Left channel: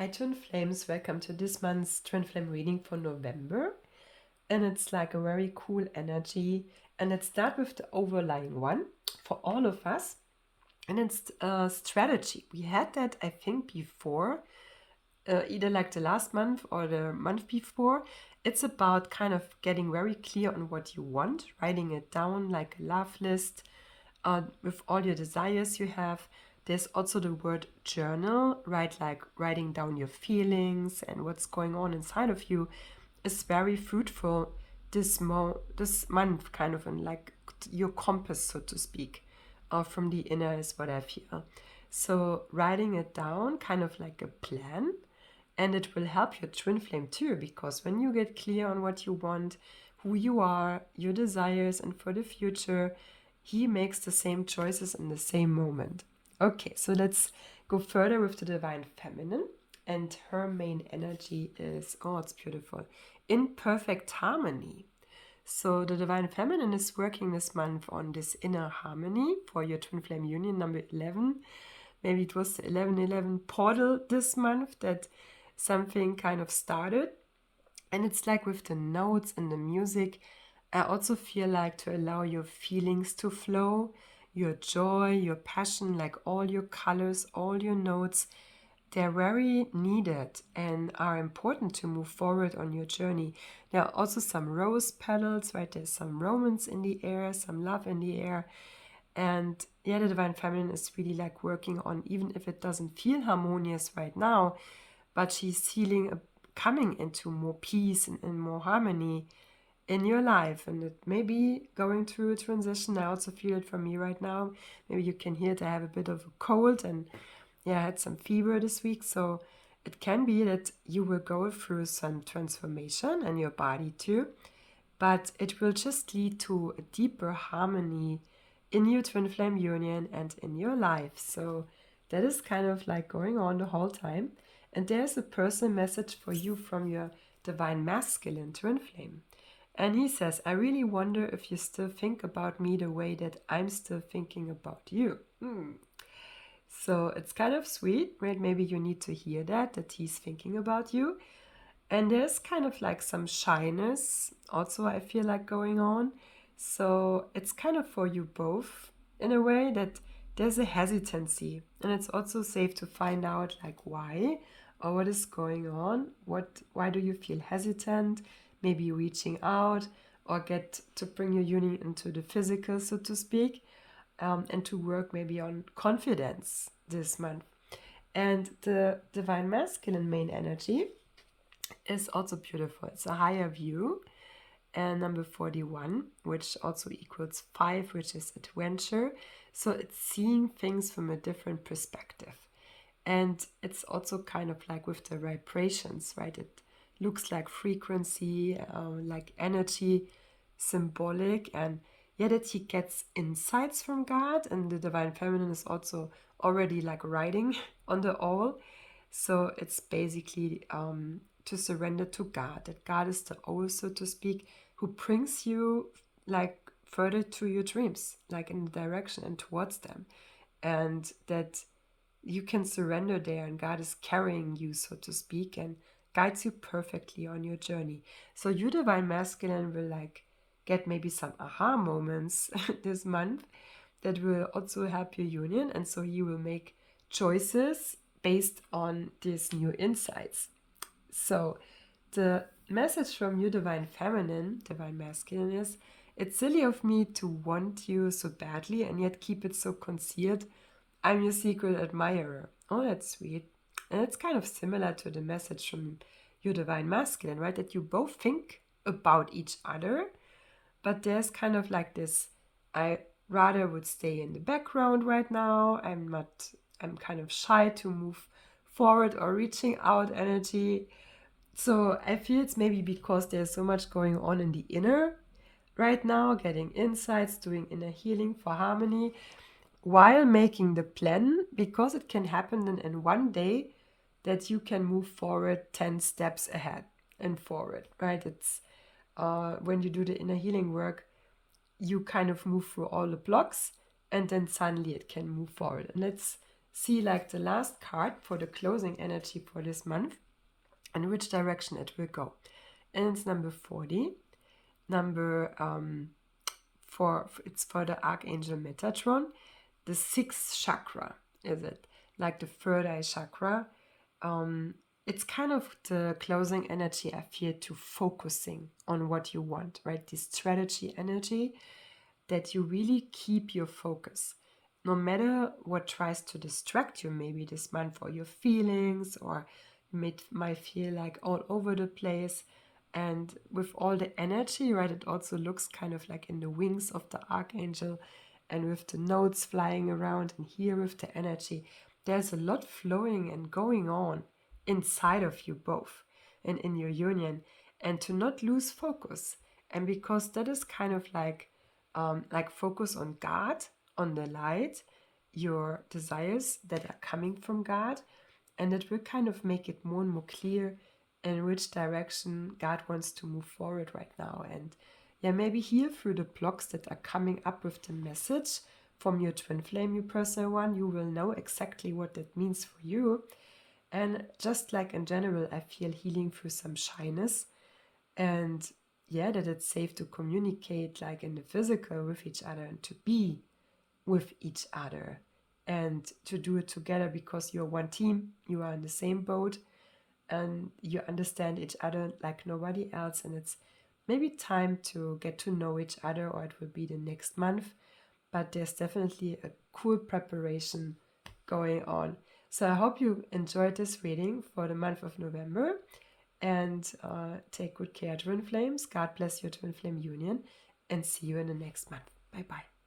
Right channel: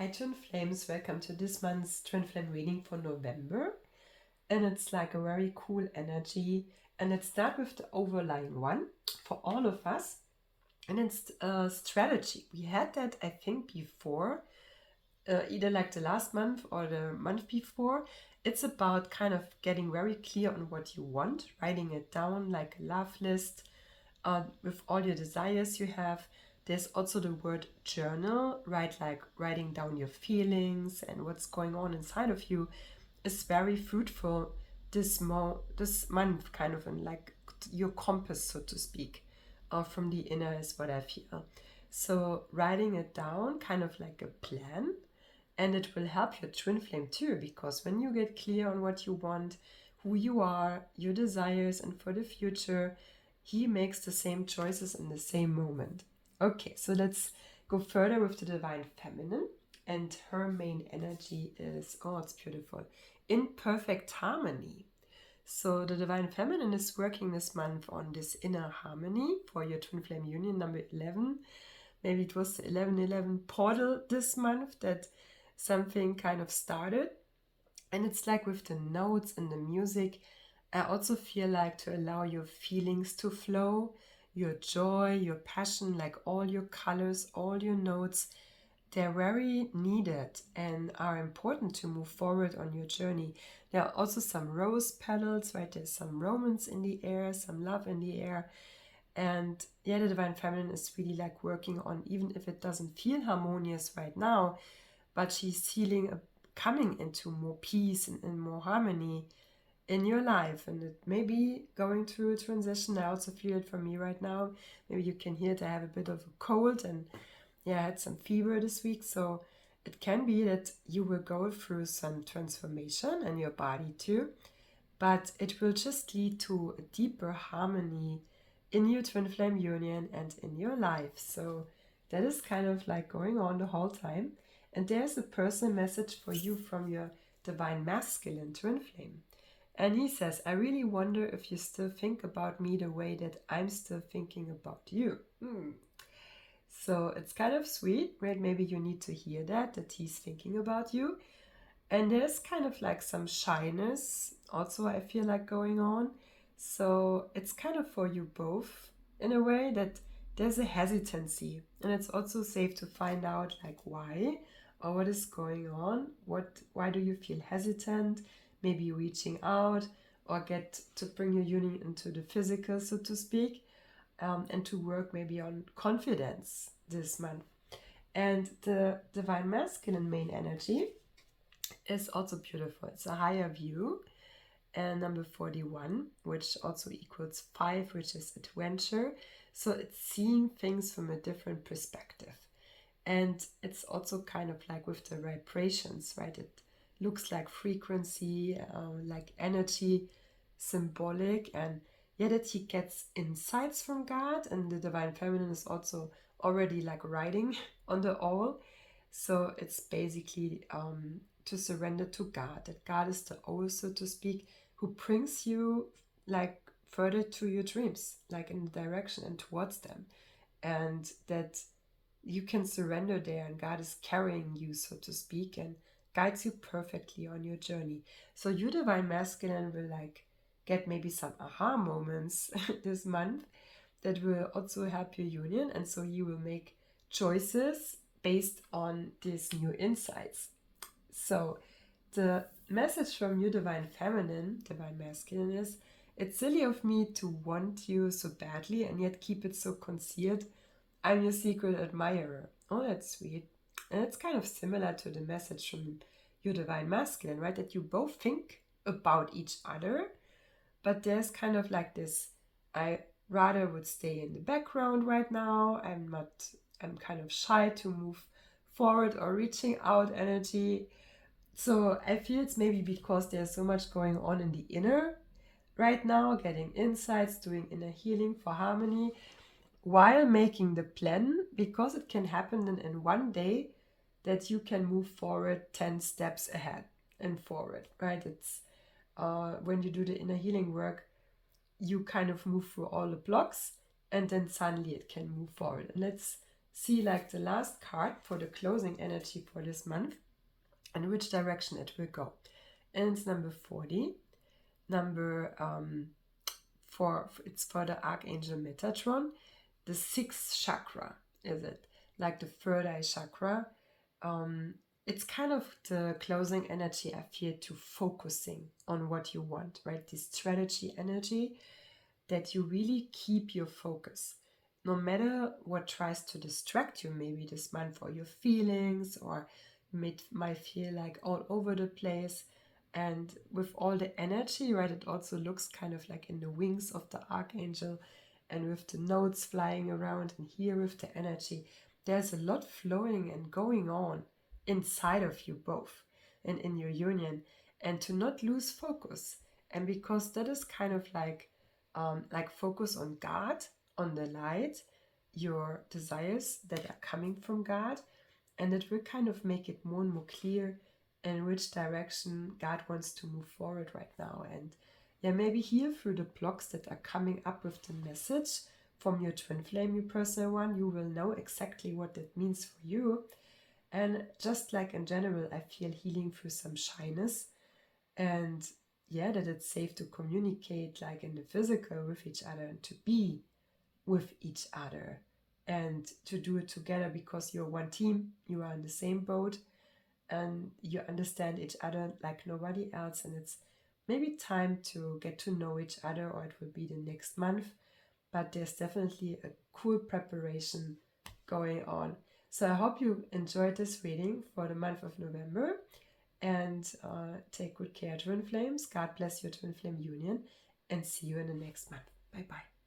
Hi Twin Flames, welcome to this month's Twin Flame reading for November. And it's like a very cool energy. And let's start with the overlying one for all of us. And it's strategy. We had that, I think, before, either like the last month or the month before. It's about kind of getting very clear on what you want, writing it down like a love list with all your desires you have. There's also the word journal, right? Like writing down your feelings and what's going on inside of you is very fruitful this month, kind of in like your compass, so to speak, from the inner is what I feel. So writing it down, kind of like a plan, and it will help your twin flame too, because when you get clear on what you want, who you are, your desires, and for the future, he makes the same choices in the same moment. Okay, so let's go further with the Divine Feminine. And her main energy is, oh, it's beautiful, in perfect harmony. So the Divine Feminine is working this month on this inner harmony for your Twin Flame Union number 11. Maybe it was the 1111 portal this month that something kind of started. And it's like with the notes and the music, I also feel like to allow your feelings to flow, your joy, your passion, like all your colors, all your notes. They're very needed and are important to move forward on your journey. There are also some rose petals, right? There's some romance in the air, some love in the air. And yeah, the Divine Feminine is really like working on, even if it doesn't feel harmonious right now, but she's healing, coming into more peace and more harmony in your life. And it may be going through a transition. I also feel it for me right now. Maybe you can hear it. I have a bit of a cold and I had some fever this week. So it can be that you will go through some transformation in your body too, but it will just lead to a deeper harmony in your twin flame union and in your life. So that is kind of like going on the whole time. And there's a personal message for you from your divine masculine twin flame. And he says, I really wonder if you still think about me the way that I'm still thinking about you. So it's kind of sweet, right? Maybe you need to hear that he's thinking about you. And there's kind of like some shyness also, I feel like, going on. So it's kind of for you both in a way that there's a hesitancy. And it's also safe to find out like why or what is going on. Why do you feel hesitant? Maybe reaching out or get to bring your union into the physical, so to speak, and to work maybe on confidence this month. And the divine masculine main energy is also beautiful. It's a higher view, and number 41, which also equals 5, which is adventure. So it's seeing things from a different perspective. And it's also kind of like with the vibrations, right? It looks like frequency, like energy, symbolic, and that he gets insights from God. And the Divine Feminine is also already like riding on the all. So it's basically to surrender to God, that God is the owl, so to speak, who brings you like further to your dreams, like in the direction and towards them. And that you can surrender there and God is carrying you, so to speak, and guides you perfectly on your journey. So you divine masculine will like get maybe some aha moments this month that will also help your union. And so you will make choices based on these new insights. So the message from you divine feminine, divine masculine is, it's silly of me to want you so badly and yet keep it so concealed. I'm your secret admirer. Oh, that's sweet. And it's kind of similar to the message from your divine masculine, right? That you both think about each other, but there's kind of like this, I rather would stay in the background right now. I'm kind of shy to move forward or reaching out energy. So I feel it's maybe because there's so much going on in the inner right now, getting insights, doing inner healing for harmony, while making the plan, because it can happen in one day that you can move forward 10 steps ahead and forward, right? It's when you do the inner healing work, you kind of move through all the blocks and then suddenly it can move forward. And let's see like the last card for the closing energy for this month and which direction it will go. And it's number 40. Number it's for the Archangel Metatron. The 6th chakra is it, like the third eye chakra. It's kind of the closing energy, I feel, to focusing on what you want, right? This strategy energy, that you really keep your focus. No matter what tries to distract you maybe this month, or your feelings, or you might feel like all over the place. And with all the energy, right, it also looks kind of like in the wings of the Archangel, and with the notes flying around, and here with the energy, there's a lot flowing and going on inside of you both and in your union, and to not lose focus. And because that is kind of like focus on God, on the light, your desires that are coming from God, and it will kind of make it more and more clear in which direction God wants to move forward right now. And yeah, maybe here through the blocks that are coming up with the message from your twin flame, your personal one, you will know exactly what that means for you. And just like in general, I feel healing through some shyness, and yeah, that it's safe to communicate like in the physical with each other, and to be with each other, and to do it together, because you're one team, you are in the same boat, and you understand each other like nobody else. And it's maybe time to get to know each other, or it will be the next month, but there's definitely a cool preparation going on. So I hope you enjoyed this reading for the month of November, and take good care, twin flames. God bless your twin flame union, and see you in the next month. Bye bye.